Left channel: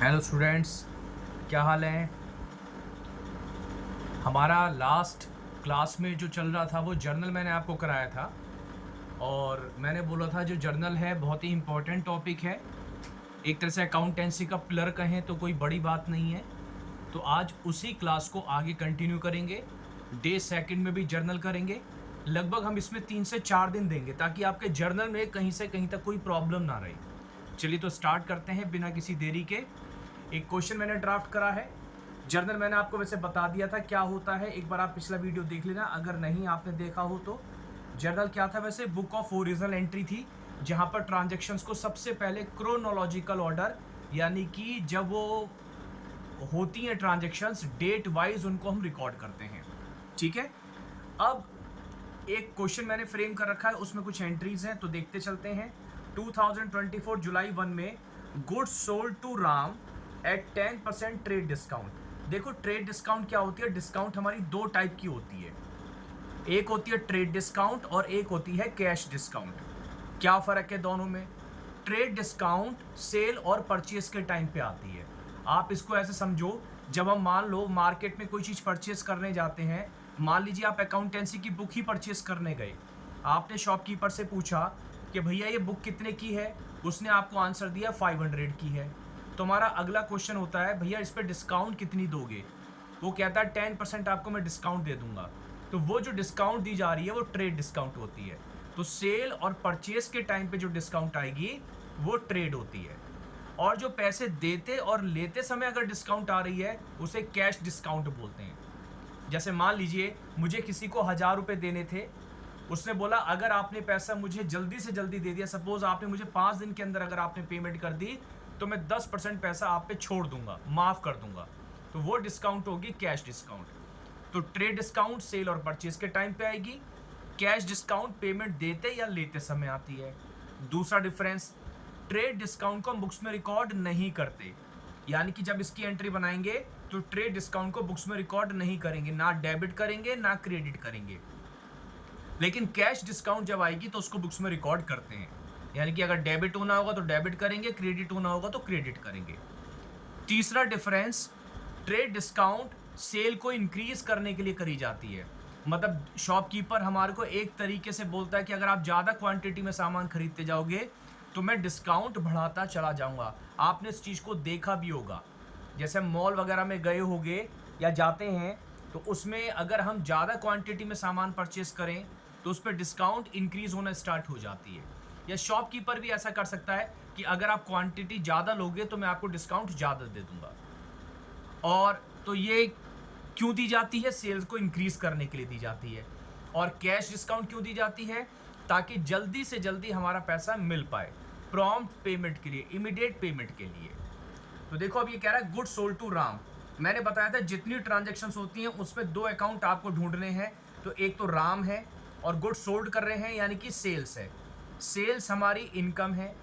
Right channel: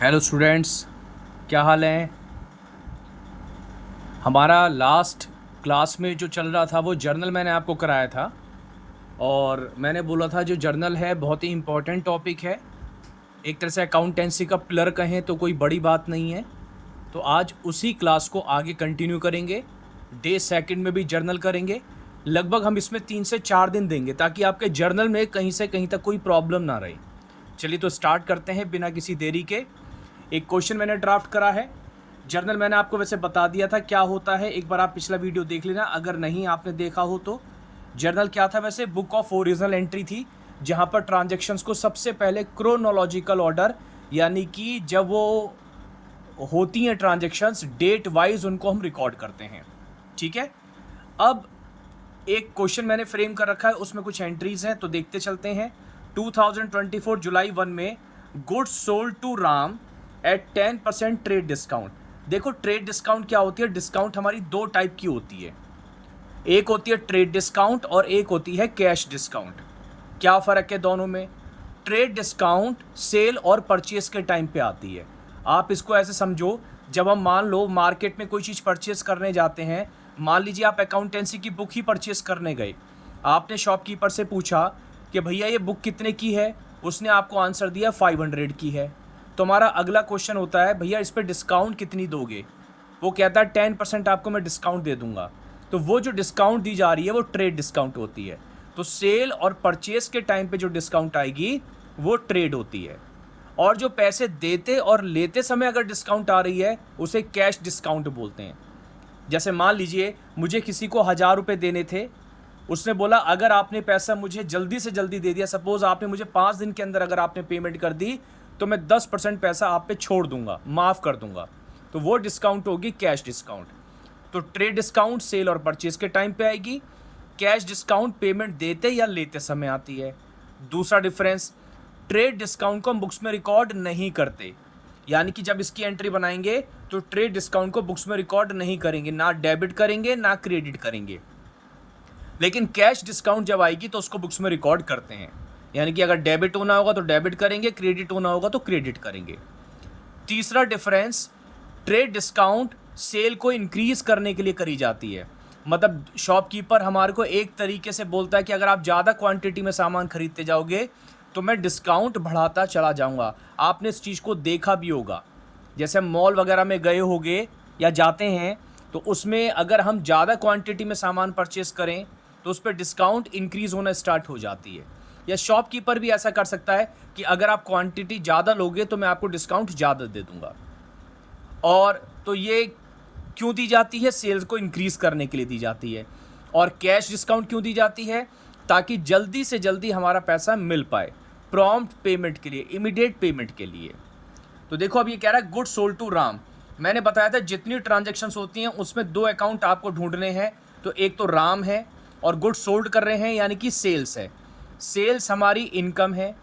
Hello students, क्या हाल है। हमारा लास्ट क्लास में जो चल रहा था वो जर्नल मैंने आपको कराया था और मैंने बोला था जो जर्नल है बहुत ही इम्पोर्टेंट टॉपिक है। एक तरह से अकाउंटेंसी का पिलर कहें तो कोई बड़ी बात नहीं है। तो आज उसी क्लास को आगे कंटिन्यू करेंगे। डे सेकंड में भी जर्नल करेंगे। लगभग हम इसमें 3 से 4 दिन देंगे ताकि आपके जर्नल में कहीं से कहीं तक कोई प्रॉब्लम ना रहे। चलिए तो स्टार्ट करते हैं बिना किसी देरी के। एक क्वेश्चन मैंने ड्राफ्ट करा है। जर्नल मैंने आपको वैसे बता दिया था क्या होता है, एक बार आप पिछला वीडियो देख लेना अगर नहीं आपने देखा हो तो। जर्नल क्या था वैसे, बुक ऑफ ओरिजिनल एंट्री थी जहां पर ट्रांजैक्शंस को सबसे पहले क्रोनोलॉजिकल ऑर्डर यानी कि जब वो होती हैं ट्रांजैक्शंस डेट वाइज उनको हम रिकॉर्ड करते हैं। ठीक है, अब एक क्वेश्चन मैंने फ्रेम कर रखा है, उसमें कुछ एंट्रीज हैं तो देखते चलते हैं। 2024 जुलाई 1 में goods sold to Ram at 10% trade discount. देखो ट्रेड डिस्काउंट क्या होती है, डिस्काउंट हमारी दो टाइप की होती है, एक होती है ट्रेड डिस्काउंट और एक होती है कैश डिस्काउंट। क्या फ़र्क है दोनों में। ट्रेड डिस्काउंट सेल और परचेस के टाइम पे आती है। आप इसको ऐसे समझो, जब हम मान लो मार्केट में कोई चीज़ परचेस करने जाते हैं, मान लीजिए आप अकाउंटेंसी की बुक ही परचेस करने गए, आपने शॉपकीपर से पूछा कि भैया ये बुक कितने की है, उसने आपको आंसर दिया 500 की है। तो हमारा अगला क्वेश्चन होता है भैया इस पर डिस्काउंट कितनी दोगे, वो कहता है 10% आपको मैं डिस्काउंट दे दूंगा। तो वो जो डिस्काउंट दी जा रही है वो ट्रेड डिस्काउंट होती है। तो सेल और परचेस के टाइम पे जो डिस्काउंट आएगी वो ट्रेड होती है। और जो पैसे देते और लेते समय अगर डिस्काउंट आ रही है उसे कैश डिस्काउंट बोलते हैं। जैसे मान लीजिए मुझे किसी को 1000 रुपये देने थे, उसने बोला अगर आपने पैसा मुझे जल्दी से जल्दी दे दिया, सपोज आपने मुझे 5 दिन के अंदर अगर आपने पेमेंट कर दी तो मैं 10% पैसा आप पे छोड़ दूंगा, माफ़ कर दूंगा। तो वो डिस्काउंट होगी कैश डिस्काउंट। तो ट्रेड डिस्काउंट सेल और परचेज के टाइम पे आएगी, कैश डिस्काउंट पेमेंट देते या लेते समय आती है। दूसरा डिफरेंस, ट्रेड डिस्काउंट को हम बुक्स में रिकॉर्ड नहीं करते, यानी कि जब इसकी एंट्री बनाएंगे तो ट्रेड डिस्काउंट को बुक्स में रिकॉर्ड नहीं करेंगे, ना डेबिट करेंगे ना क्रेडिट करेंगे। लेकिन कैश डिस्काउंट जब आएगी तो उसको बुक्स में रिकॉर्ड करते हैं, यानी कि अगर डेबिट होना होगा तो डेबिट करेंगे, क्रेडिट होना होगा तो क्रेडिट करेंगे। तीसरा डिफरेंस, ट्रेड डिस्काउंट सेल को इंक्रीज करने के लिए करी जाती है। मतलब शॉपकीपर हमारे को एक तरीके से बोलता है कि अगर आप ज़्यादा क्वांटिटी में सामान खरीदते जाओगे तो मैं डिस्काउंट बढ़ाता चला जाऊंगा। आपने इस चीज़ को देखा भी होगा, जैसे हम मॉल वगैरह में गए होंगे या जाते हैं तो उसमें अगर हम ज़्यादा क्वांटिटी में सामान परचेस करें तो उस पर डिस्काउंट इंक्रीज़ होना स्टार्ट हो जाती है। या शॉपकीपर भी ऐसा कर सकता है कि अगर आप क्वांटिटी ज़्यादा लोगे तो मैं आपको डिस्काउंट ज़्यादा दे दूंगा। और तो ये क्यों दी जाती है, सेल्स को इंक्रीज करने के लिए दी जाती है। और कैश डिस्काउंट क्यों दी जाती है, ताकि जल्दी से जल्दी हमारा पैसा मिल पाए, प्रॉम्प्ट पेमेंट के लिए, इमीडिएट पेमेंट के लिए। तो देखो अब ये कह रहा है गुड सोल्ड टू राम। मैंने बताया था जितनी ट्रांजैक्शंस होती हैं उसमें दो अकाउंट आपको ढूंढने हैं, तो एक तो राम है और गुड सोल्ड कर रहे हैं यानी कि सेल्स है। सेल्स हमारी इनकम है,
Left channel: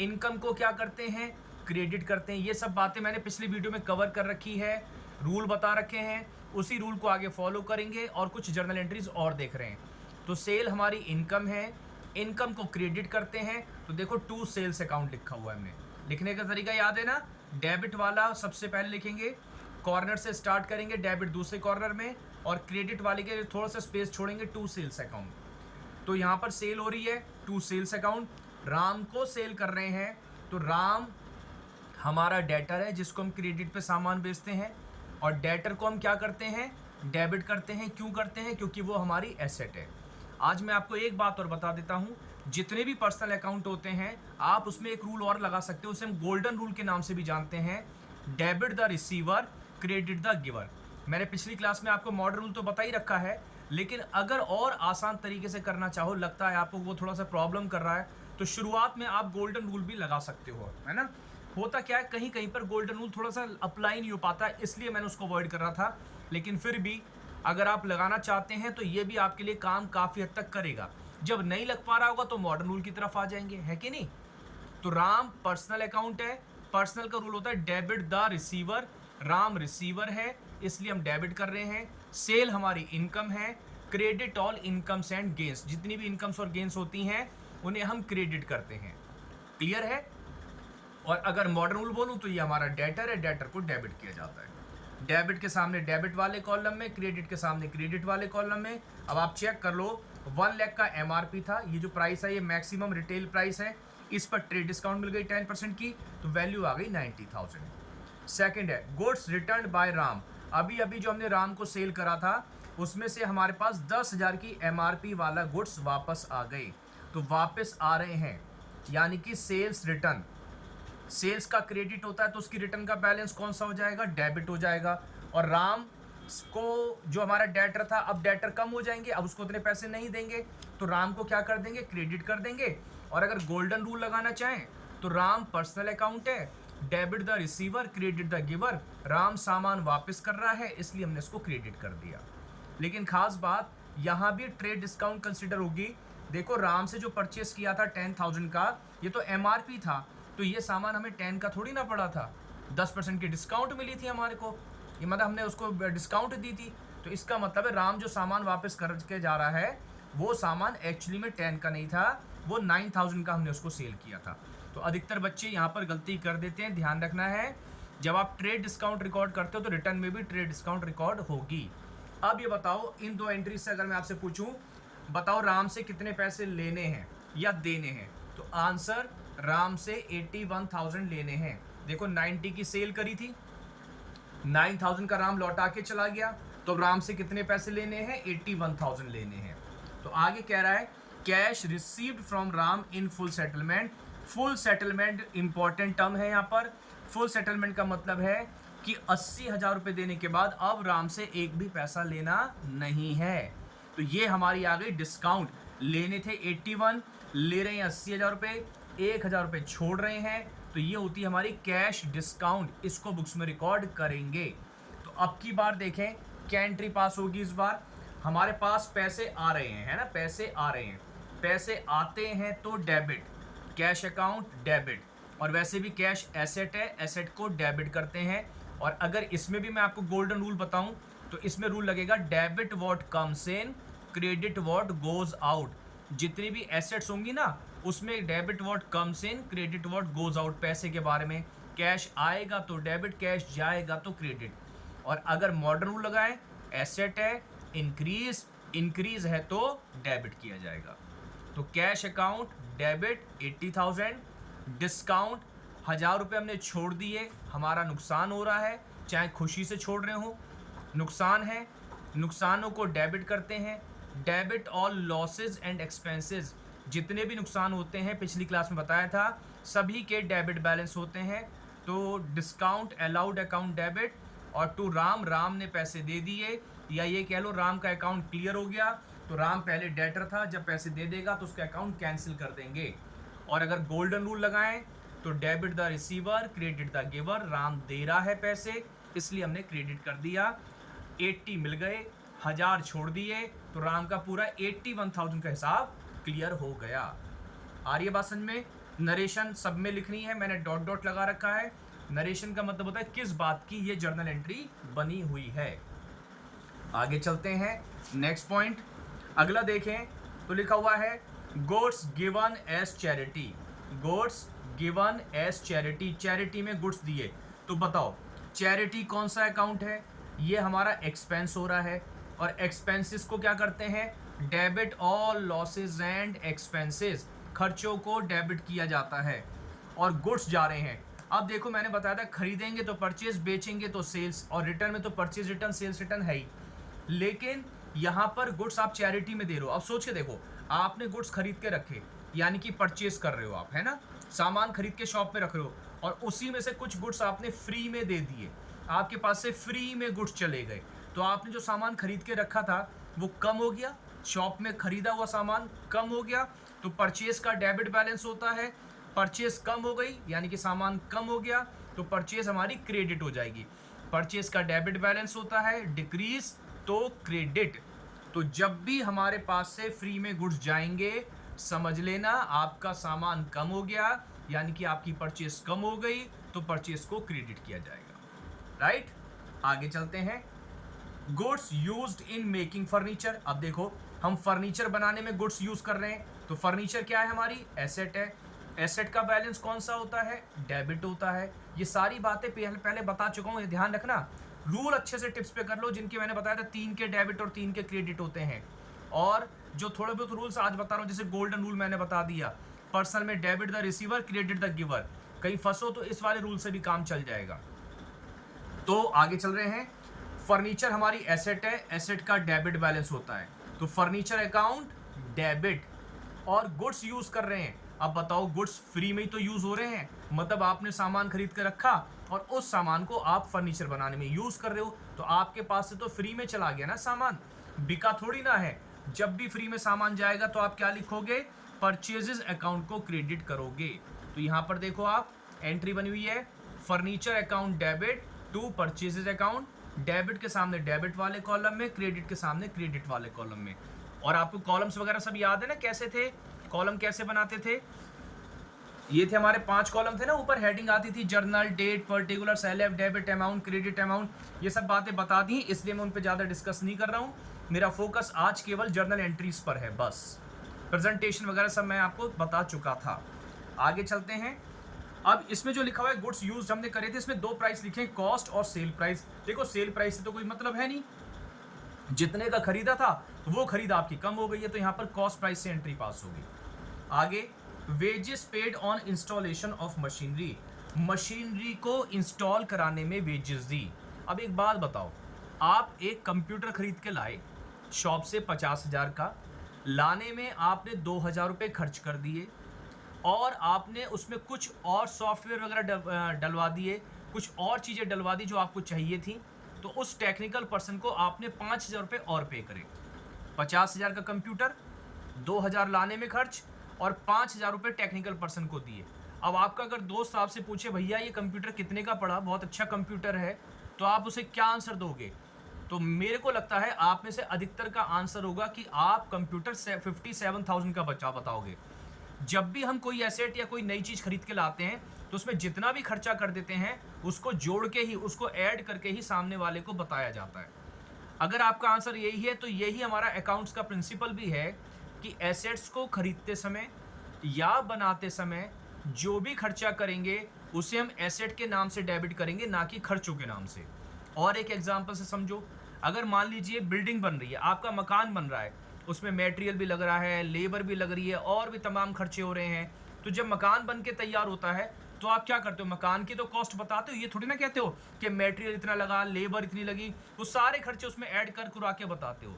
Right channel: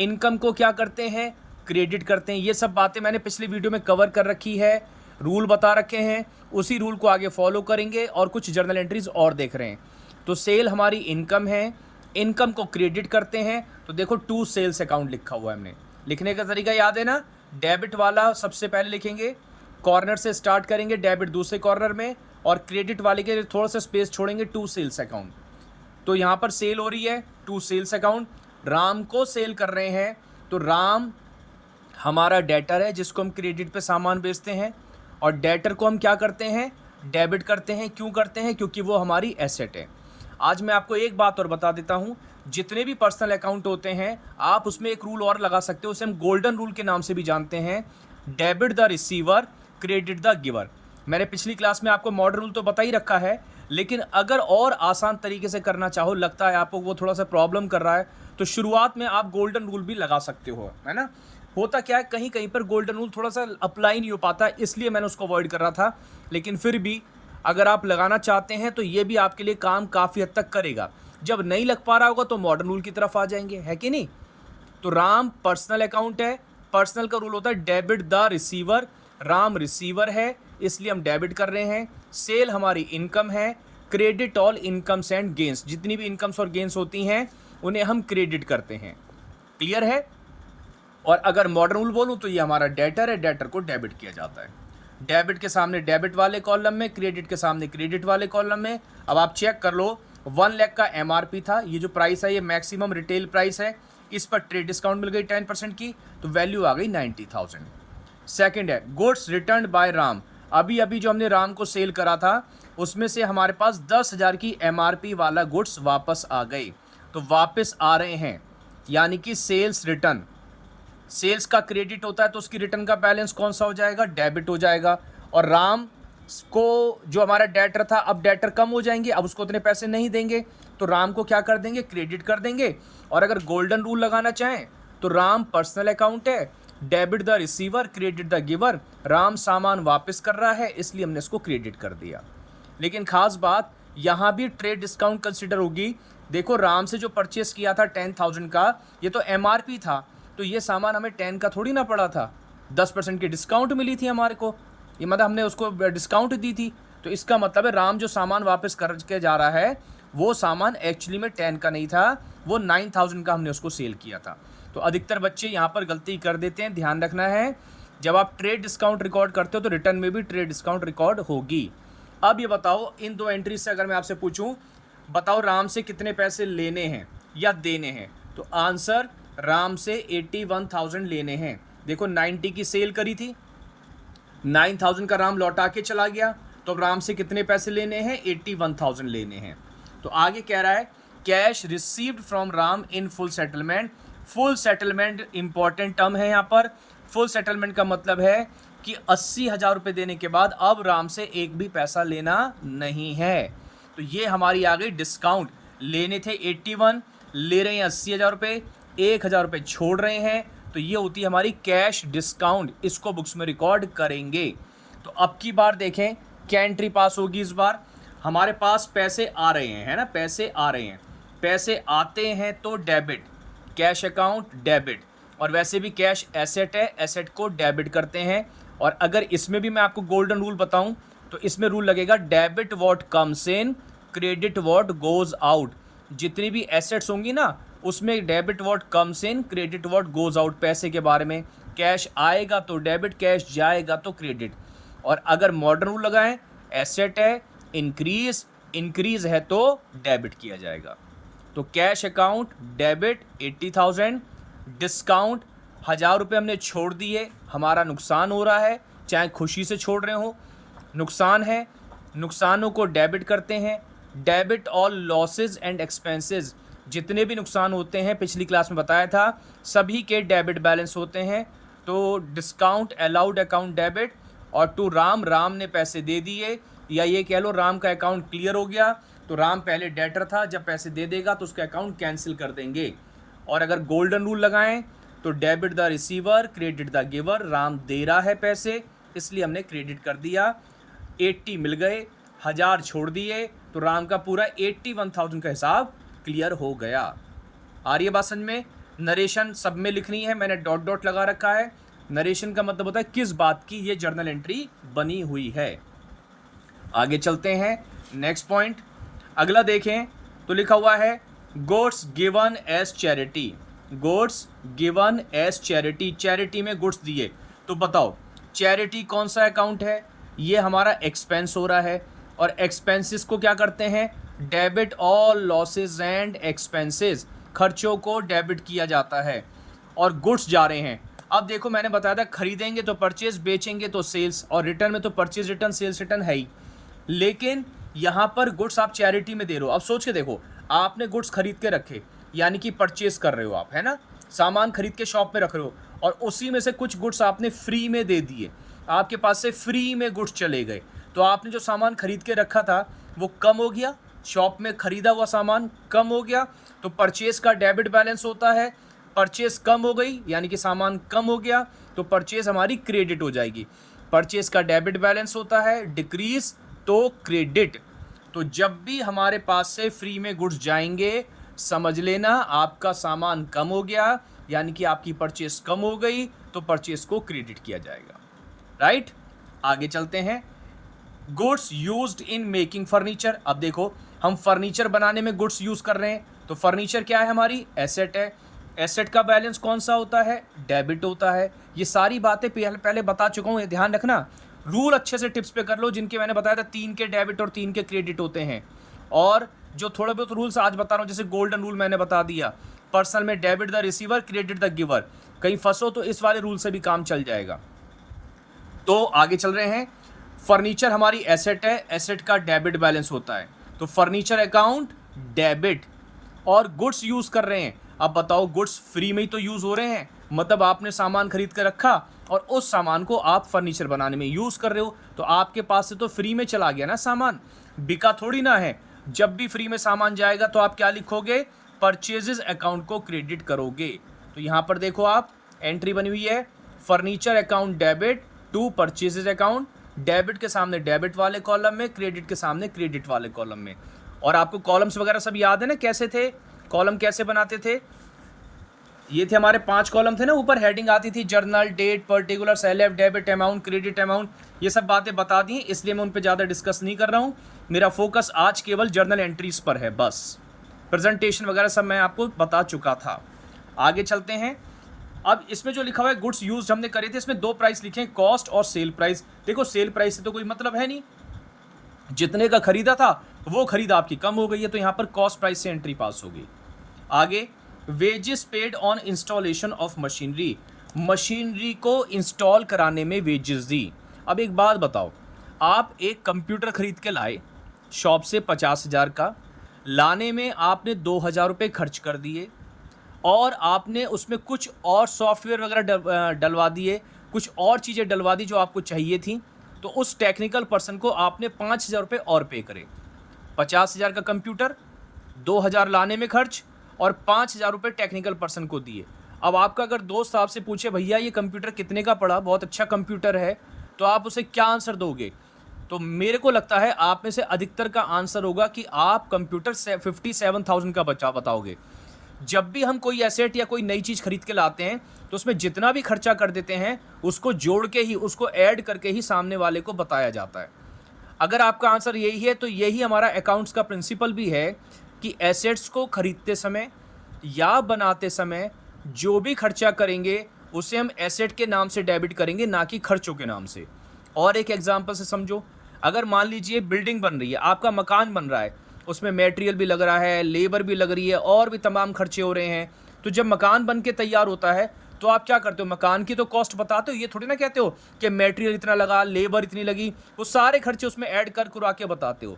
इनकम को क्या करते हैं, क्रेडिट करते हैं। ये सब बातें मैंने पिछले वीडियो में कवर कर रखी है, रूल बता रखे हैं, उसी रूल को आगे फॉलो करेंगे और कुछ जर्नल एंट्रीज और देख रहे हैं। तो सेल हमारी इनकम है, इनकम को क्रेडिट करते हैं। तो देखो टू सेल्स अकाउंट लिखा हुआ है, हमने लिखने का तरीका याद है ना, डेबिट वाला सबसे पहले लिखेंगे, कॉर्नर से स्टार्ट करेंगे, डेबिट दूसरे कॉर्नर में, और क्रेडिट वाले के थोड़ा सा स्पेस छोड़ेंगे, टू सेल्स अकाउंट। तो यहाँ पर सेल हो रही है, टू सेल्स अकाउंट, राम को सेल कर रहे हैं। तो राम हमारा डेटर है जिसको हम क्रेडिट पे सामान बेचते हैं, और डेटर को हम क्या करते हैं, डेबिट करते हैं। क्यों करते हैं, क्योंकि वो हमारी एसेट है। आज मैं आपको एक बात और बता देता हूँ, जितने भी पर्सनल अकाउंट होते हैं आप उसमें एक रूल और लगा सकते हो, उसे हम गोल्डन रूल के नाम से भी जानते हैं, debit the receiver credit the giver. मैंने पिछली क्लास में आपको मॉडर्न रूल तो बता ही रखा है, लेकिन अगर और आसान तरीके से करना चाहो, लगता है आपको वो थोड़ा सा प्रॉब्लम कर रहा है, तो शुरुआत में आप गोल्डन रूल भी लगा सकते हो, है ना। होता क्या है, कहीं कहीं पर गोल्डन रूल थोड़ा सा अप्लाई नहीं हो पाता, इसलिए मैंने उसको अवॉइड कर रहा था। लेकिन फिर भी अगर आप लगाना चाहते हैं तो ये भी आपके लिए काम काफ़ी हद तक करेगा। जब नहीं लग पा रहा होगा तो मॉडर्न रूल की तरफ आ जाएंगे, है कि नहीं। तो राम पर्सनल अकाउंट है, पर्सनल का रूल होता है debit the receiver, Ram receiver है इसलिए हम डेबिट कर रहे हैं। सेल हमारी इनकम है, credit all incomes and gains, जितनी भी इनकम्स और गेंस होती हैं उन्हें हम क्रेडिट करते हैं। क्लियर है। और अगर मॉडर्न रूल बोलूँ तो ये हमारा डेटर है, डेटर को डेबिट किया जाता है। डेबिट के सामने डेबिट वाले कॉलम में, क्रेडिट के सामने क्रेडिट वाले कॉलम में। अब आप चेक कर लो, 1 लाख का एमआरपी था, ये जो प्राइस है ये मैक्सिमम रिटेल प्राइस है, इस पर ट्रेड डिस्काउंट मिल गई 10% की, तो वैल्यू आ गई 90,000। सेकंड है गुड्स रिटर्न बाय राम। अभी अभी जो हमने राम को सेल करा था उसमें से हमारे पास 10,000 की एमआरपी वाला गुड्स वापस आ गए, तो वापस आ रहे हैं, यानी कि सेल्स रिटर्न। सेल्स का क्रेडिट होता है तो उसकी रिटर्न का बैलेंस कौन सा हो जाएगा, डेबिट हो जाएगा। और राम को जो हमारा डेटर था, अब डेटर कम हो जाएंगे, अब उसको उतने पैसे नहीं देंगे, तो राम को क्या कर देंगे, क्रेडिट कर देंगे। और अगर गोल्डन रूल लगाना चाहें तो राम पर्सनल अकाउंट है, debit the receiver, credit the giver. Ram सामान वापस कर रहा है इसलिए हमने इसको क्रेडिट कर दिया। लेकिन खास बात यहाँ भी ट्रेड डिस्काउंट कंसिडर होगी। देखो राम से जो परचेस किया था 10,000 का, ये तो एमआरपी था, तो ये सामान हमें 10 का थोड़ी ना पड़ा था, 10% की डिस्काउंट मिली थी हमारे को, ये मतलब हमने उसको डिस्काउंट दी थी। तो इसका मतलब है राम जो सामान वापस करके जा रहा है वो सामान एक्चुअली में 10 का नहीं था, वो 9,000 का हमने उसको सेल किया था। तो अधिकतर बच्चे यहाँ पर गलती कर देते हैं, ध्यान रखना है जब आप ट्रेड डिस्काउंट रिकॉर्ड करते हो तो रिटर्न में भी ट्रेड डिस्काउंट रिकॉर्ड होगी। अब ये बताओ, इन दो एंट्री से अगर मैं आपसे पूछूं, बताओ राम से कितने पैसे लेने हैं या देने हैं, तो आंसर राम से 81,000 लेने हैं। देखो 90 की सेल करी थी, 9,000 का राम लौटा के चला गया, तो राम से कितने पैसे लेने हैं, 81,000 लेने हैं। तो आगे कह रहा है cash received from Ram in full settlement. Full settlement important term है यहाँ पर। फुल सेटलमेंट का मतलब है कि 80,000 रुपये देने के बाद अब राम से एक भी पैसा लेना नहीं है। तो ये हमारी आ गई डिस्काउंट। लेने थे 81, ले रहे हैं 80,000 रुपये, 1,000 रुपये छोड़ रहे हैं, तो ये होती है हमारी कैश डिस्काउंट। इसको बुक्स में रिकॉर्ड करेंगे। तो अब की बार देखें क्या एंट्री पास होगी। इस बार हमारे पास पैसे आ रहे हैं, है ना, पैसे आ रहे हैं, पैसे आते हैं तो डेबिट, कैश अकाउंट डेबिट। और वैसे भी कैश एसेट है, एसेट को डेबिट करते हैं। और अगर इसमें भी मैं आपको गोल्डन रूल बताऊं तो इसमें रूल लगेगा debit what comes in, credit what goes out. जितनी भी एसेट्स होंगी ना उसमें debit what comes in, credit what goes out, पैसे के बारे में। कैश आएगा तो डेबिट, कैश जाएगा तो क्रेडिट। और अगर मॉडर्न रूल लगाएं, एसेट है इंक्रीज, इंक्रीज है तो डेबिट किया जाएगा। तो कैश अकाउंट डेबिट 80,000, डिस्काउंट 1,000 रुपये हमने छोड़ दिए, हमारा नुकसान हो रहा है, चाहे खुशी से छोड़ रहे हो, नुकसान है, नुकसानों को डेबिट करते हैं। Debit all losses and expenses, जितने भी नुकसान होते हैं पिछली क्लास में बताया था सभी के डेबिट बैलेंस होते हैं। तो डिस्काउंट अलाउड अकाउंट डेबिट। और टू राम, राम ने पैसे दे दिए, या ये कह लो राम का अकाउंट क्लियर हो गया, तो राम पहले डेटर था, जब पैसे दे देगा तो उसका अकाउंट कैंसिल कर देंगे। और अगर गोल्डन रूल लगाएं तो debit the receiver, credit the giver. Ram दे रहा है पैसे इसलिए हमने क्रेडिट कर दिया, 80 मिल गए, 1,000 छोड़ दिए, तो राम का पूरा 81,000 का हिसाब क्लियर हो गया। आ रही है बात समझ में। नरेशन सब में लिखनी है, मैंने डॉट डॉट लगा रखा है। नरेशन का मतलब होता है किस बात की ये जर्नल एंट्री बनी हुई है। आगे चलते हैं, नेक्स्ट पॉइंट अगला देखें तो लिखा हुआ है goods given as charity. Goods given as charity, charity में गुड्स दिए। तो बताओ चैरिटी कौन सा अकाउंट है, ये हमारा एक्सपेंस हो रहा है। और एक्सपेंसेस को क्या करते हैं, debit all losses and expenses, खर्चों को डेबिट किया जाता है। और गुड्स जा रहे हैं, अब देखो मैंने बताया था खरीदेंगे तो परचेज, बेचेंगे तो सेल्स, और रिटर्न में तो परचेज रिटर्न सेल्स रिटर्न है ही। लेकिन यहाँ पर गुड्स आप चैरिटी में दे रहे हो। अब सोच के देखो, आपने गुड्स खरीद के रखे, यानी कि परचेज कर रहे हो आप, है ना, सामान खरीद के शॉप में रख रहे हो, और उसी में से कुछ गुड्स आपने फ्री में दे दिए, आपके पास से फ्री में गुड्स चले गए, तो आपने जो सामान खरीद के रखा था वो कम हो गया, शॉप में खरीदा हुआ सामान कम हो गया, तो परचेज का डेबिट बैलेंस होता है। परचेज कम हो गई यानी कि सामान कम हो गया, तो परचेज हमारी क्रेडिट हो जाएगी। परचेज का डेबिट बैलेंस होता है, डिक्रीज तो क्रेडिट। तो जब भी हमारे पास से फ्री में गुड्स जाएंगे समझ लेना आपका सामान कम हो गया, यानी कि आपकी परचेज कम हो गई, तो परचेज को क्रेडिट किया जाएगा। राइट, आगे चलते हैं। Goods used in making furniture. अब देखो हम फर्नीचर बनाने में गुड्स यूज कर रहे हैं, तो फर्नीचर क्या है, हमारी एसेट है। एसेट का बैलेंस कौन सा होता है? डेबिट होता है। ये सारी बातें पहले बता चुका हूँ, ये ध्यान रखना। रूल अच्छे से टिप्स पे कर लो, जिनके मैंने बताया था 3 के डेबिट और 3 के क्रेडिट होते हैं। और जो थोड़े बहुत रूल्स आज बता रहा हूँ, जैसे गोल्डन रूल मैंने बता दिया, पर्सनल में debit the receiver, credit the giver. कहीं फंसो तो इस वाले रूल से भी काम चल जाएगा। तो आगे चल रहे हैं। फर्नीचर हमारी एसेट है, एसेट का डेबिट बैलेंस होता है, तो फर्नीचर अकाउंट डेबिट। और गुड्स यूज कर रहे हैं, अब बताओ गुड्स फ्री में ही तो यूज हो रहे हैं, मतलब आपने सामान खरीद कर रखा और उस सामान को आप फर्नीचर बनाने में यूज कर रहे हो, तो आपके पास से तो फ्री में चला गया ना सामान, बिका थोड़ी ना है। जब भी फ्री में सामान जाएगा तो आप क्या लिखोगे? परचेजेस अकाउंट को क्रेडिट करोगे। तो यहां पर देखो, आप एंट्री बनी हुई है, furniture account debit to purchases account, debit के सामने डेबिट वाले कॉलम में, क्रेडिट के सामने क्रेडिट वाले कॉलम में। और आपको कॉलम्स वगैरह सब याद है ना, कैसे थे कॉलम, कैसे बनाते थे? ये थे हमारे 5 कॉलम थे ना, ऊपर हेडिंग आती थी जर्नल, डेट, पर्टिकुलर, सेलेफ, डेबिट अमाउंट, क्रेडिट अमाउंट। ये सब बातें बता दी, इसलिए मैं उन पर ज़्यादा डिस्कस नहीं कर रहा हूँ। मेरा फोकस आज केवल जर्नल एंट्रीज पर है बस। प्रेजेंटेशन वगैरह सब मैं आपको बता चुका था। आगे चलते हैं। अब इसमें जो लिखा हुआ है गुड्स यूज हमने करे थे, इसमें 2 प्राइस लिखे हैं, कॉस्ट और सेल प्राइस। देखो सेल प्राइस से तो कोई मतलब है नहीं, जितने का खरीदा था वो खरीद आपकी कम हो गई है, तो यहाँ पर कॉस्ट प्राइस से एंट्री पास हो गई। आगे, wages paid on installation of machinery, machinery को इंस्टॉल कराने में वेजेस दी। अब एक बात बताओ, आप एक कंप्यूटर खरीद के लाए शॉप से 50,000 का, लाने में आपने 2,000 रुपये खर्च कर दिए और आपने उसमें कुछ और सॉफ्टवेयर वगैरह डलवा दिए, कुछ और चीज़ें डलवा दी जो आपको चाहिए थी, तो उस टेक्निकल पर्सन को आपने 5,000 रुपये और पे करे। 50,000 का कंप्यूटर, 2,000 लाने में खर्च और 5,000 रुपये टेक्निकल पर्सन को दिए। अब आपका अगर दोस्त आपसे पूछे भैया ये कंप्यूटर कितने का पड़ा, बहुत अच्छा कंप्यूटर है, तो आप उसे क्या आंसर दोगे? तो मेरे को लगता है आप में से अधिकतर का आंसर होगा कि आप कंप्यूटर से 57,000 का बचा बताओगे। जब भी हम कोई एसेट या कोई नई चीज़ खरीद के लाते हैं तो उसमें जितना भी खर्चा कर देते हैं उसको जोड़ के ही, उसको ऐड करके ही सामने वाले को बताया जाता है। अगर आपका आंसर यही है तो यही हमारा अकाउंट्स का प्रिंसिपल भी है कि एसेट्स को खरीदते समय या बनाते समय जो भी खर्चा करेंगे उसे हम एसेट के नाम से डेबिट करेंगे, ना कि खर्चों के नाम से। और एक एग्जांपल से समझो, अगर मान लीजिए बिल्डिंग बन रही है, आपका मकान बन रहा है, उसमें मटेरियल भी लग रहा है, लेबर भी लग रही है और भी तमाम खर्चे हो रहे हैं, तो जब मकान बन के तैयार होता है तो आप क्या करते हो? मकान की तो कॉस्ट बताते हो, ये थोड़ी ना कहते हो कि मटेरियल इतना लगा, लेबर इतनी लगी, वो सारे खर्चे उसमें ऐड कर कुरा के बताते हो।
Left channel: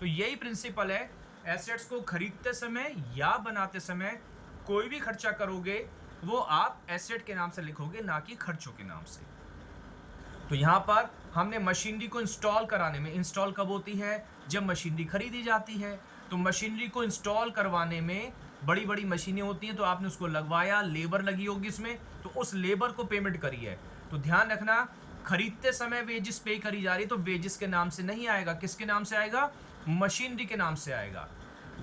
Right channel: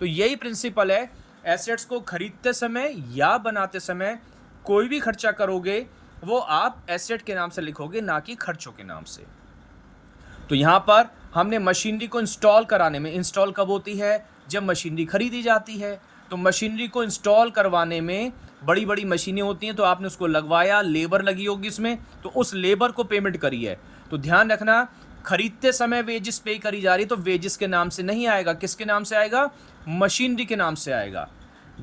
तो यही प्रिंसिपल है, एसेट्स को खरीदते समय या बनाते समय कोई भी खर्चा करोगे वो आप एसेट के नाम से लिखोगे, ना कि खर्चों के नाम से। तो यहाँ पर हमने मशीनरी को इंस्टॉल कराने में, इंस्टॉल कब होती है? जब मशीनरी खरीदी जाती है। तो मशीनरी को इंस्टॉल करवाने में बड़ी बड़ी मशीनें होती हैं, तो आपने उसको लगवाया, लेबर लगी होगी इसमें, तो उस लेबर को पेमेंट करी है। तो ध्यान रखना, खरीदते समय वेजेस पे करी जा रही है तो वेजेस के नाम से नहीं आएगा, किसके नाम से आएगा? मशीनरी के नाम से आएगा।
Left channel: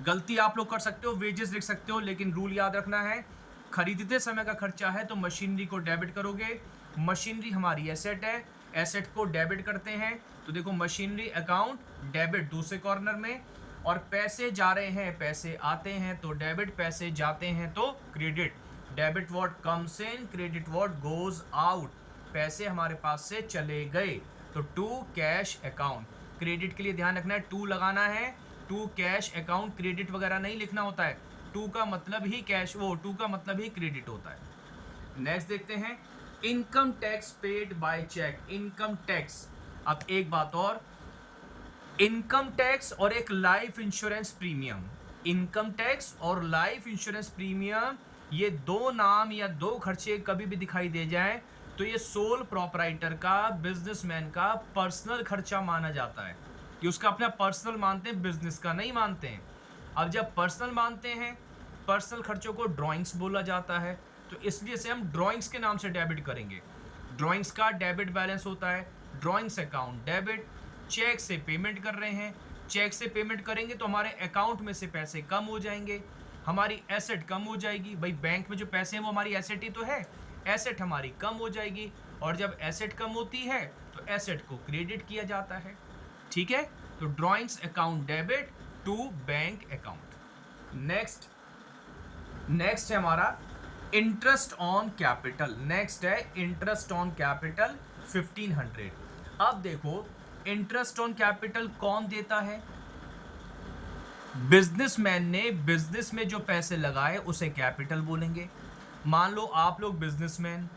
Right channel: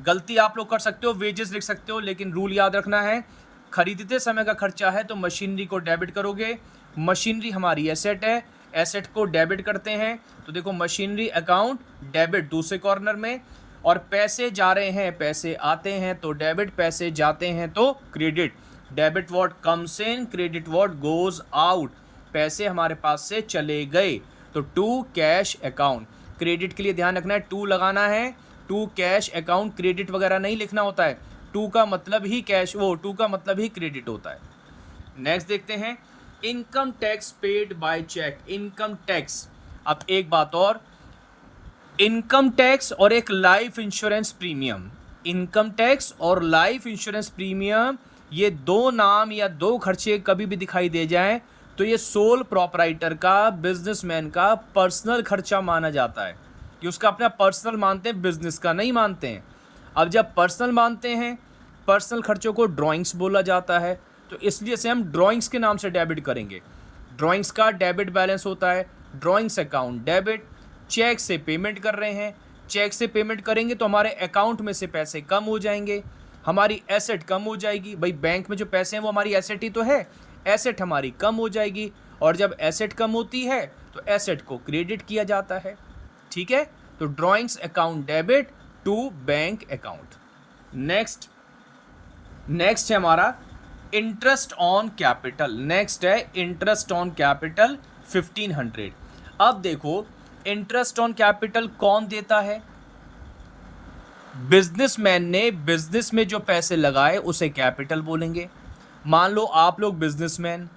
गलती आप लोग कर सकते हो, वेजेस लिख सकते हो, लेकिन रूल याद रखना है, खरीदते समय का खर्चा है तो मशीनरी को डेबिट करोगे। मशीनरी हमारी एसेट है, एसेट को डेबिट करते हैं, तो देखो मशीनरी अकाउंट डेबिट दूसरे कॉर्नर में, और पैसे जा रहे हैं, पैसे आते हैं तो डेबिट, पैसे जाते हैं तो credit. Debit what comes in, credit what goes out. पैसे हमारे पास से चले गए तो टू कैश अकाउंट। क्रेडिट के लिए ध्यान रखना है, टू लगाना है, टू कैश अकाउंट, क्रेडिट वगैरह नहीं लिखना होता है। टू का मतलब ही कैश, वो टू का मतलब ही क्रेडिट होता है। नेक्स्ट देखते हैं, income tax paid by cheque, income tax. अब एक बात और, इनकम टैक्स और एक life insurance premium, income tax और लाइफ इंश्योरेंस प्रीमियम, ये दो नाम या दो खर्चे कभी भी दिखाई दे जाएं तो ये सोल प्रॉपराइटर का, बिजनेसमैन का पर्सनल खर्चा माना जाता है, कि उसका अपना पर्सनल मानते हैं, बिजनेस का नहीं मानते हैं। अब जब पर्सनल मानते हैं, पर्सनल खर्चों को ड्राइंग्स बोला जाता है, तो इसलिए से हम ड्राइंग्स के नाम से डेबिट करेंगे। ड्राइंग्स का डेबिट बैलेंस होता है, ड्राइंग्स अकाउंट डेबिट। चेक से पेमेंट कर रहे हैं, चेक से पेमेंट करेंगे तो हमारे अकाउंट में से पैसे कम हो जाएंगे, हमारी एसेट कम हो जाएगी। भाई बैंक में जो पैसे हैं वो हमारी एसेट ही तो है, एसेट हमारी कम हो जाएगी, और जब एसेट कम होती है तो एसेट को क्रेडिट किया जाता है। ठीक है, तो drawings account debit to bank account. Next है हमारा इंटरेस्ट ऑन कैपिटल, नेक्स्ट है इंटरेस्ट ऑन कैपिटल 1500। अब देखो इंटरेस्ट ऑन कैपिटल कौन देता है? बिजनेसमैन ने बिजनेस में जो पैसे लगाए उसे कैपिटल बोलेंगे। मान लो आप लोग बिजनेसमैन,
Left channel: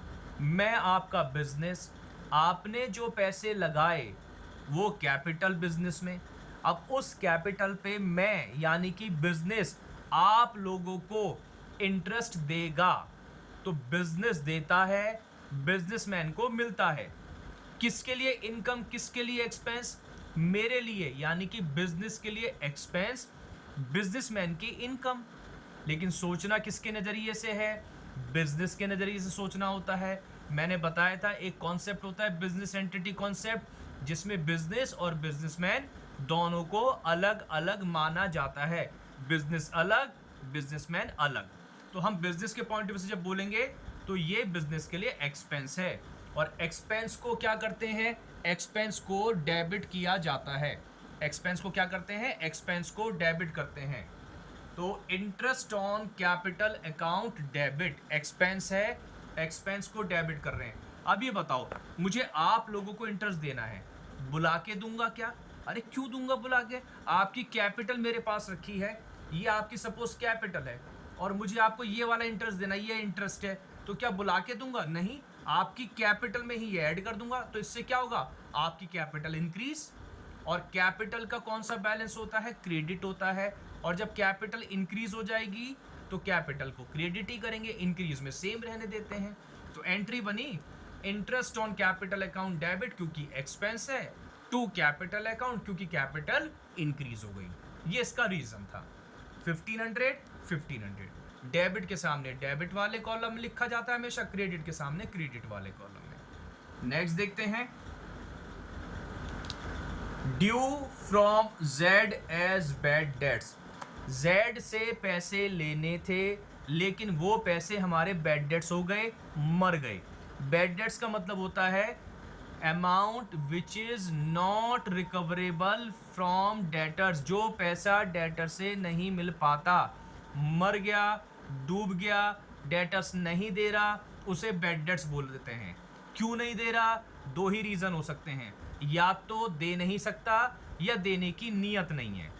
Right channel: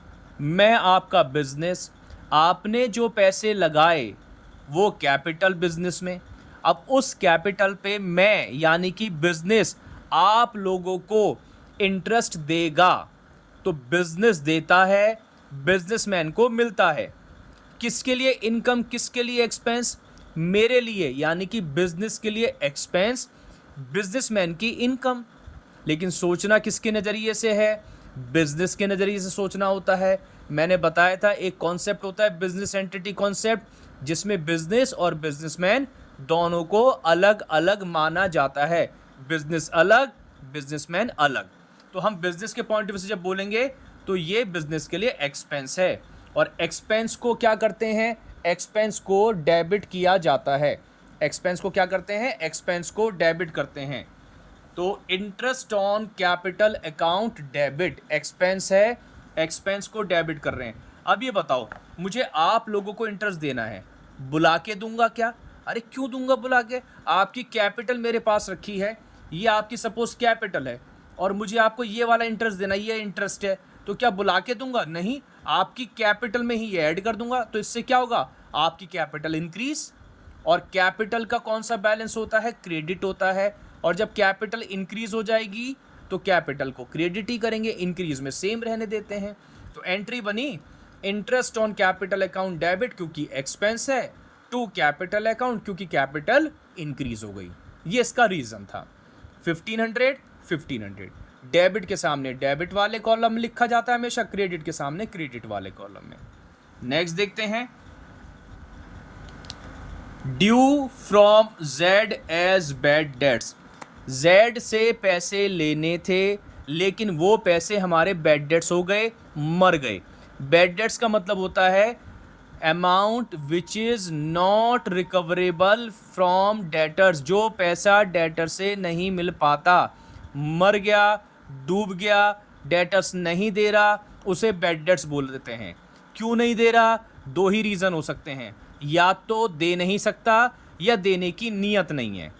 मैं आपका बिजनेस, आपने जो पैसे लगाए वो कैपिटल बिजनेस में। अब उस कैपिटल पे मैं यानी कि बिजनेस आप लोगों को इंटरेस्ट देगा, तो बिजनेस देता है, बिजनेसमैन को मिलता है। किसके लिए इनकम, किसके लिए एक्सपेंस? मेरे लिए यानी कि बिजनेस के लिए एक्सपेंस, बिजनेसमैन की इनकम। लेकिन सोचना किसके नज़रिए से है? बिजनेस के नज़रिए से सोचना होता है। मैंने बताया था एक कॉन्सेप्ट होता है बिजनेस एंटिटी कॉन्सेप्ट, जिसमें बिजनेस और बिजनेसमैन दोनों को अलग अलग माना जाता है। बिजनेस अलग, बिजनेसमैन अलग। तो हम बिजनेस के पॉइंट ऑफ व्यू से जब बोलेंगे तो ये बिजनेस के लिए एक्सपेंस है, और एक्सपेंस को क्या करते हैं? एक्सपेंस को डेबिट किया जाता है। एक्सपेंस को क्या करते हैं? एक्सपेंस को डेबिट करते हैं। तो interest on capital account debit expense है, एक्सपेंस को डेबिट कर रहे हैं। अब ये बताओ, मुझे आप लोगों को इंटरेस्ट देना है, बुला के दूंगा क्या? अरे क्यों दूंगा बुला के? आपकी कैपिटल मेरे पास रखी है, ये आपकी सपोज कैपिटल है, और मुझे आपको ये वाला इंटरेस्ट देना, ये इंटरेस्ट है, तो क्या बुला के दूंगा? नहीं, आपकी कैपिटल में ही ये ऐड कर दूंगा। तो इससे क्या होगा? आपकी कैपिटल इंक्रीज। और कैपिटल का कौन सा बैलेंस होता है? क्रेडिट होता है। और जब कैपिटल इंक्रीज हो जाएगी तो कैपिटल को क्रेडिट ही करेंगे, इंक्रीज में सेम रहने देते हैं। तो एंट्री बनी interest on capital account debit क्योंकि एक्सपेंस है, टू कैपिटल अकाउंट क्योंकि कैपिटल इंक्रीज हो गई। ये इसका रीजन था। 1500 1500 डेबिट के सामने डेबिट वाले कॉलम लिखा जाता है हमेशा, क्रेडिट के सामने क्रेडिट वाले कॉलम में। नेक्स्ट देखते हैं, due from Z as bad debts. Z से पैसे लेने थे लेकिन वो पैसे हमारे बैड डेट्स हो गए, मर गए। बैड डेट्स का मतलब होता है amount which is not recoverable from debtors, जो पैसा डेटर से नहीं मिल पाता, मर गया, डूब गया, डेटर्स नहीं दे रहा, उसे बैड डेट्स बोल देते हैं। क्यों नहीं दे रहा? दो ही रीज़न हो सकते हैं, या तो दे नहीं सकता या देने की नीयत नहीं है।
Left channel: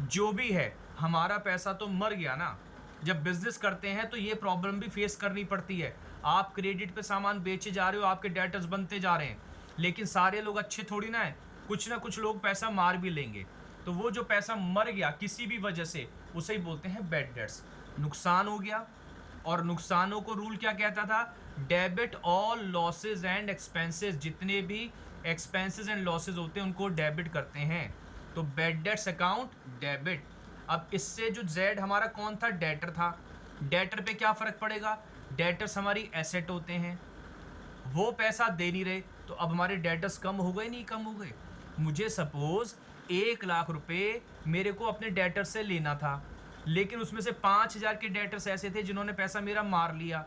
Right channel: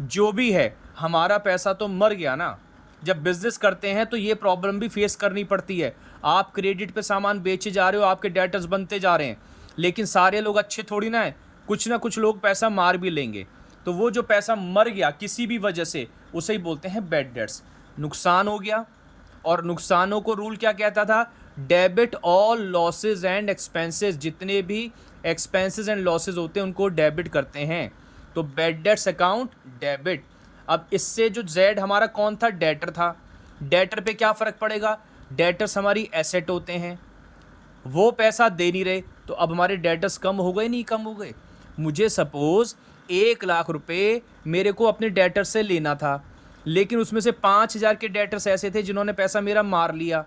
जो भी है, हमारा पैसा तो मर गया ना। जब बिजनेस करते हैं तो ये प्रॉब्लम भी फेस करनी पड़ती है। आप क्रेडिट पे सामान बेचे जा रहे हो, आपके डेटर्स बनते जा रहे हैं, लेकिन सारे लोग अच्छे थोड़ी ना है, कुछ ना कुछ लोग पैसा मार भी लेंगे। तो वो जो पैसा मर गया किसी भी वजह से, उसे ही बोलते हैं बैड डेट्स। नुकसान हो गया, और नुकसानों को रूल क्या कहता था? Debit all losses and expenses, जितने भी एक्सपेंसेस एंड लॉसेज होते हैं उनको डेबिट करते हैं। तो बैड डेट्स अकाउंट डेबिट। अब इससे जो जेड हमारा कौन था? डेटर था। डेटर पे क्या फ़र्क पड़ेगा? डेटर्स हमारी एसेट होते हैं, वो पैसा दे नहीं रहे, तो अब हमारे डेटर्स कम हो गए, नहीं कम हो गए? मुझे सपोज़ 1,00,000 रुपये मेरे को अपने डेटर से लेना था, लेकिन उसमें से 5,000 के डेटर्स ऐसे थे जिन्होंने पैसा मेरा मार लिया,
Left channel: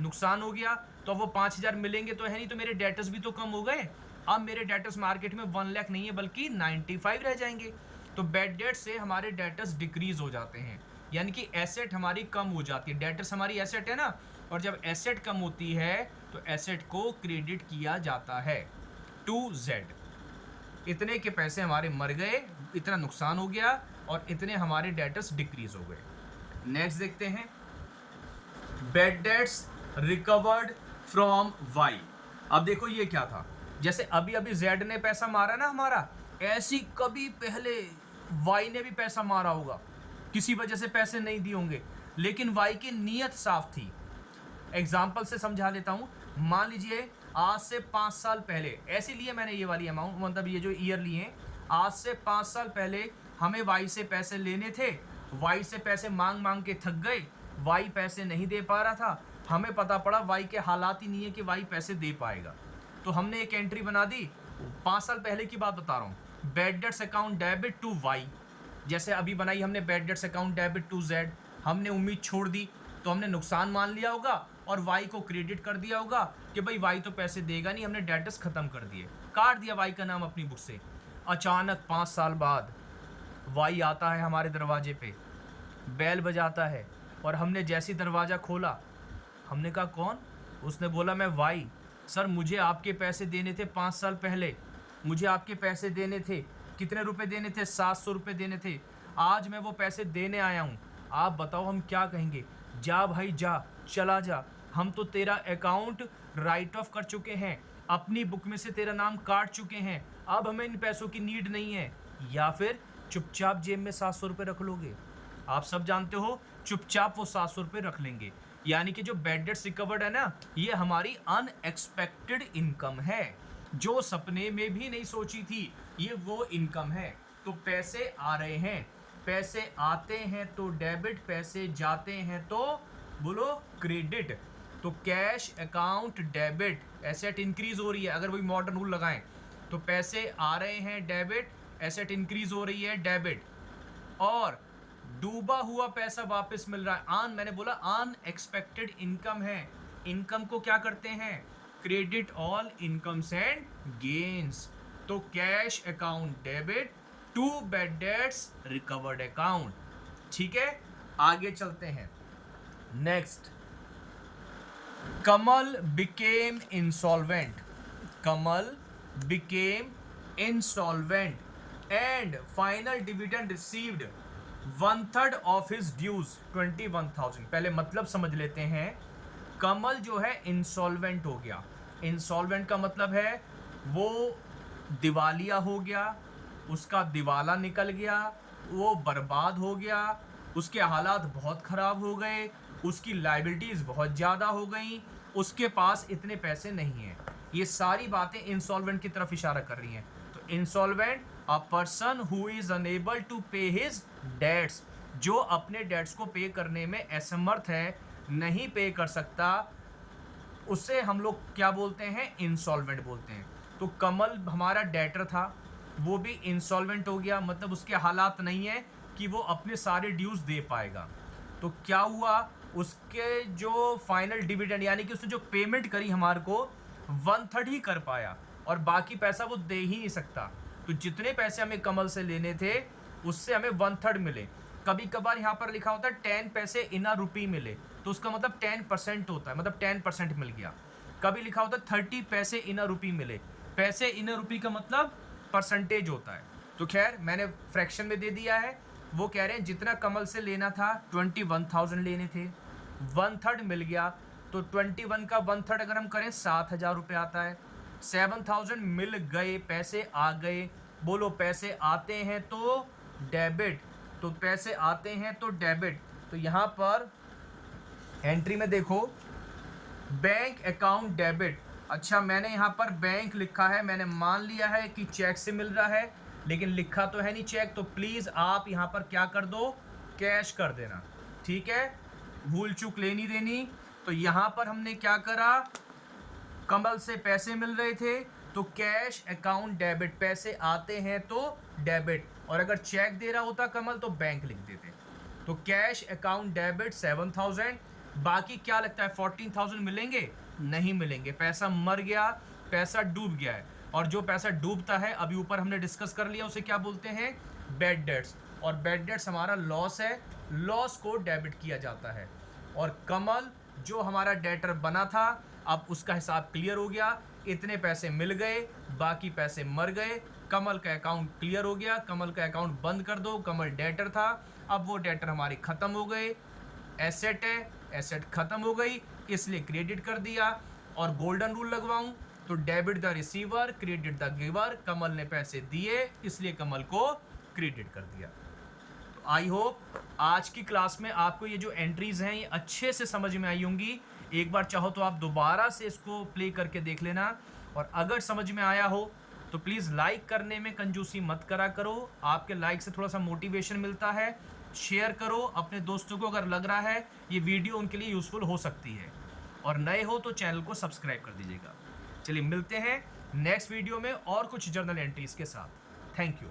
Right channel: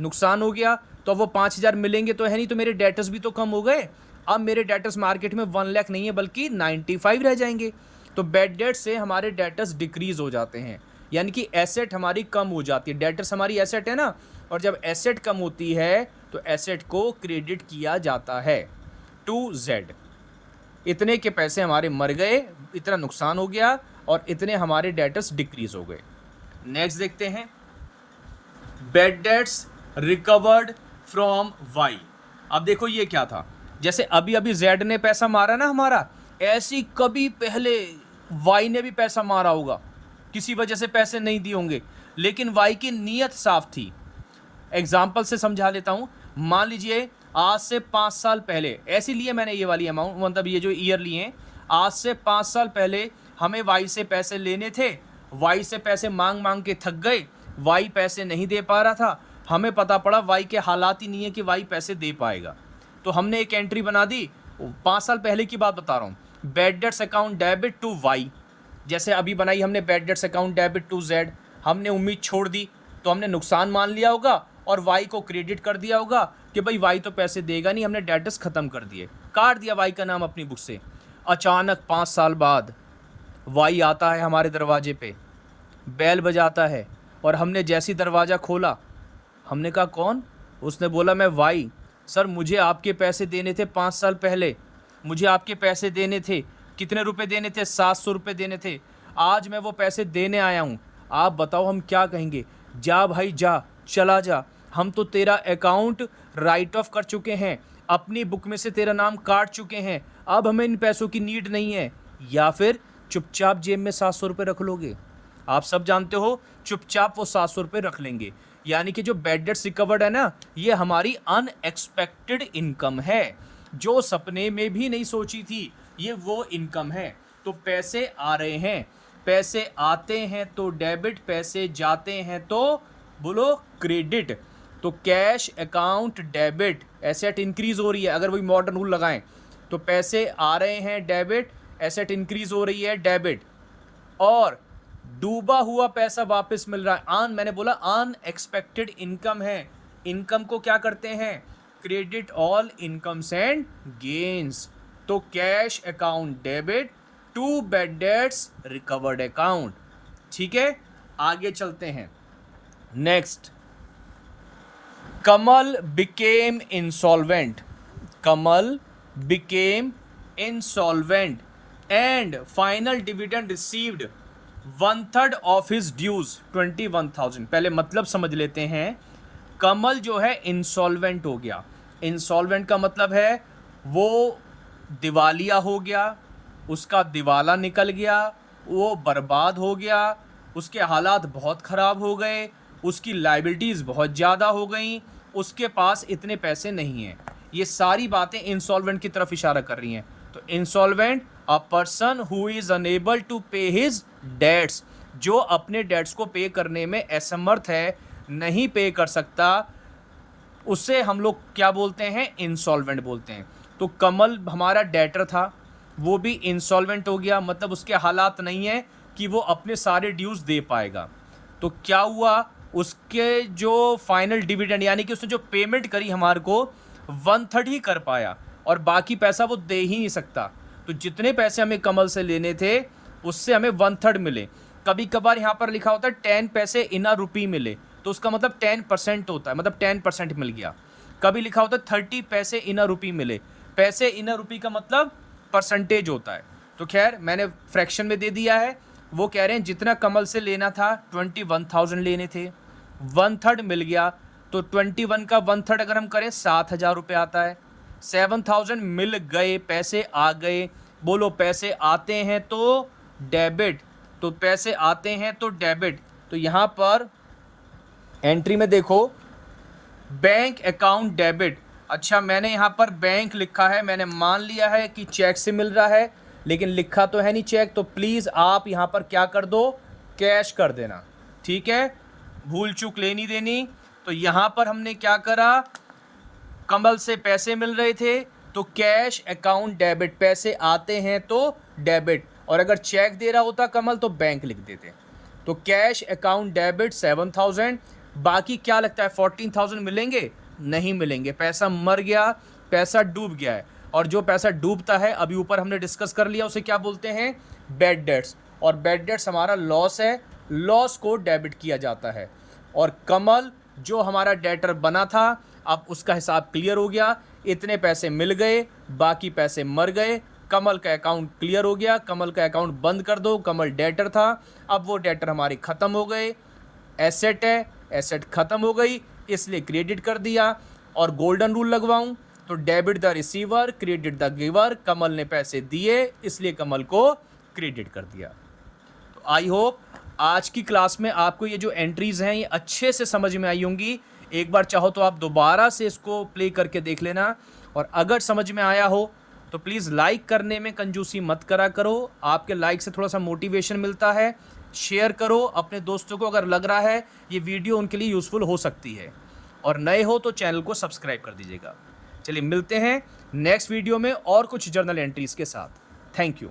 नुकसान हो गया। तो अब वो 5,000 मिलेंगे तो है नहीं, तो मेरे डेटर्स भी तो कम हो गए। अब मेरे डेटर्स मार्केट में 1,00,000 नहीं है बल्कि 95 रह जाएंगे। तो बैड डेट से हमारे डेटर्स डिक्रीज हो जाते हैं, यानी कि एसेट हमारी कम हो जाती है। डेटर्स हमारी एसेट है ना, और जब एसेट कम होती है तो एसेट को क्रेडिट किया जाता है टू जेड। इतने के पैसे हमारे मर गए, इतना नुकसान हो गया, और इतने हमारे डेटर्स डिक्रीज हो गए। नेक्स्ट देखते हैं, bad debts recovered from Y. अब देखो ये क्या था, जैसे अभी अभी जेड ने पैसा मारा ना हमारा, ऐसी कभी पहले वाई ने भी पैसा मारा होगा, किसी वजह से पैसे नहीं दिए होंगे, लेकिन वाई की नीयत साफ थी। एग्जाम्पल से समझा लेता हूँ। मान लीजिए आज से 5 साल पहले, ऐसे लिए मैंने ये वाली अमाउंट, मतलब ये जो ईयर लिए हैं, आज से 5 साल पहले हमें वाई से पैसे लेने थे, वाई से पैसे मांग मांग के थक गए, वाई पैसे नहीं दे पा रहा था, हमें पता पड़ा वाई के हालात ही नहीं है कि वाई पैसे दे पाएगा, तो हमने एक एंट्री बना दी। 5 साल पहले की बात बता रहा हूँ, bad debts account debit to Y. जैसे अभी बनाई हमने bad debts account debit to Z, हमने उम्मीद छोड़ दी, तो हमने नुकसान मान लिया होगा और वाई को क्रेडिट कर दिया होगा कि भाई वाई तो पैसे देगा नहीं, हमने डेटर्स ख़त्म कर दिए, काट दिया वाई का नाम अपनी बुक से। अचानक 5 साल बाद वाई आता है हमारे दरवाजे पे, बैल बजाता है, और हमने जैसी दरवाज़ा खोला, हमने कहा कौन? उसने बोला मैं वाई। सर मुझे आपके पैसे देने थे 5 साल पहले, मुझे आपके पैसे देने थे। कितने रुपए देने थे? 700 रुपये देने थे। आज मैं वो पैसे देने आया हूँ, आप बताओ हम क्या कहेंगे? जा भाई जा, चला जा, हम तो तेरा अकाउंट राइट ऑफ कर चुके हैं, अपनी बुक में से तेरा नाम काट चुके हैं, अब हमें इन पैसों की नीड नहीं है। या फिर चुपचाप जेब में 700 रुपये रख लोगे? आप सब जानते हो चुपचाप वो 700 रुपये रख लेंगे। यानी कि जो बैड डेट्स रिकवर्ड है ना, ये हमारी अनएक्सपेक्टेड इनकम है, जो सपने में भी नहीं सोची थी, ये वो इनकम है। तो पैसे आ रहे हैं, पैसे आते हैं तो डेबिट, पैसे जाते हैं तो बोलो क्रेडिट। तो cash account debit, asset increase हो रही है। अगर वही मॉडर्न रूल लगाएं तो पैसे आ रहे हैं डेबिट, एसेट इंक्रीज हो रही है डेबिट, और डूबा हुआ पैसा वापस मिल रहा है। मैंने बोला अनएक्सपेक्टेड इनकम है। इनकम को क्या करते हैं? Credit all incomes and gains. तो cash account debit to bad debts recovered account. ठीक है, आगे चलते हैं। Next, Kamal became insolvent. Kamal became insolvent and final dividend received 1/3 of his dues 21,000। पहले मतलब समझ लेते हैं। कमल जो है इंसॉल्वेंट हो गया। इंसॉल्वेंट का मतलब है वो दिवालिया हो गया, उसका दिवाला निकल गया, वो बर्बाद हो गया, उसके हालात बहुत ख़राब हो गए, उसकी लाइबिलिटीज़ बहुत ज़्यादा हो गई, उसके पास इतने पैसे नहीं हैं। ये सारी बातें इंसॉल्वेंट की तरफ इशारा कर रही हैं। तो insolvent, a person who is unable to pay his debts, जो अपने डेट्स को पे करने में असमर्थ है, नहीं पे कर सकता, उससे हम लोग क्या बोलते हैं? इंसॉल्वेंट बोलते हैं। तो कमल हमारा डेटर था, वो भी इंसॉल्वेंट हो गया, मतलब उसके हालात नहीं है कि वो अपने सारे ड्यूज दे पाएगा। तो क्या हुआ? उसके जो फाइनल डिविडेंड, यानी कि उसने जो पेमेंट करी हमारे को, 1/3 ही कर पाया, और बाकी पैसा वो दे ही नहीं सकता। तो जितने पैसे हमें कमल से लेने थे, उससे हमें 1/3 मिले। कभी कभार यहाँ पर लिखा होता है 10 पैसे इन अ रुपी मिले, तो उसका मतलब 10% होता है, मतलब 10% मिल गया। कभी लिखा होता है 30 पैसे इन अ रुपी मिले, पैसे इन अ रुपी का मतलब परसेंटेज होता है। तो खैर मैंने फ्रैक्शन में दे दिया है। वो कह रहे हैं जितना कमल से लेना था 21,000 लेने थे, 1/3 मिल गया, तो 21 का 1/3 अगर हम करें 7,000 रुपये आता है। 7,000 मिल गए, पैसे आ गए। बोलो पैसे आते हैं तो डेबिट, तो पैसे आते हैं तो डेबिट। तो यहाँ पर एंट्री में देखो बैंक अकाउंट डेबिट। अच्छा, मैंने यहाँ पर बैंक लिखा है, मैंने मान लिया है कि चेक से मिल रहा है, लेकिन लिखा तो है नहीं चेक, तो प्लीज़ आप यहाँ पर क्या कर दो? कैश कर देना। ठीक है, भूल चूक लेनी देनी। तो यहाँ पर हमने क्या करा? कमल से पैसे मिल रहे थे तो कैश अकाउंट डेबिट, पैसे आते हैं तो डेबिट, और अगर चेक दे रहा होता कमल तो बैंक लिख देते। तो कैश अकाउंट डेबिट 7,000, बाकी क्या लगता है 14,000 मिलेंगे? नहीं मिलेंगे, पैसा मर गया, पैसा डूब गया है। और जो पैसा डूबता है, अभी ऊपर हमने डिस्कस कर लिया, उसे क्या बोलते हैं? Bad dates. और बैड डेट्स हमारा लॉस है, लॉस को डेबिट किया जाता है। और कमल जो हमारा डेटर बना था, अब उसका हिसाब क्लियर हो गया, इतने पैसे मिल गए, बाकी पैसे मर गए, कमल का अकाउंट क्लियर हो गया, कमल का अकाउंट बंद कर दो। कमल डेटर था, अब वो डेटर हमारी ख़त्म हो गए। एसेट है, एसेट ख़त्म हो गई, इसलिए क्रेडिट कर दिया। और गोल्डन रूल लगवाऊं तो debit the receiver, credit the giver. Kamal ने पैसे दिए, इसलिए कमल को क्रेडिट कर दिया। तो आई होप आज की क्लास में आपको ये जो एंट्रीज हैं ये अच्छे से समझ में आई होंगी। एक बार चाहो तो आप दोबारा से इसको प्ले करके देख लेना, और अगर समझ में आया हो तो प्लीज़ लाइक करने में कंजूसी मत करा करो। आपके लाइक से थोड़ा सा मोटिवेशन मिलता है। शेयर करो अपने दोस्तों को, अगर लग रहा है ये वीडियो उनके लिए यूज़फुल हो सकती है। और नए हो तो चैनल को सब्सक्राइब कर दीजिएगा। चलिए मिलते हैं नेक्स्ट वीडियो में और कुछ जर्नल एंट्रीज़ के साथ। Thank you.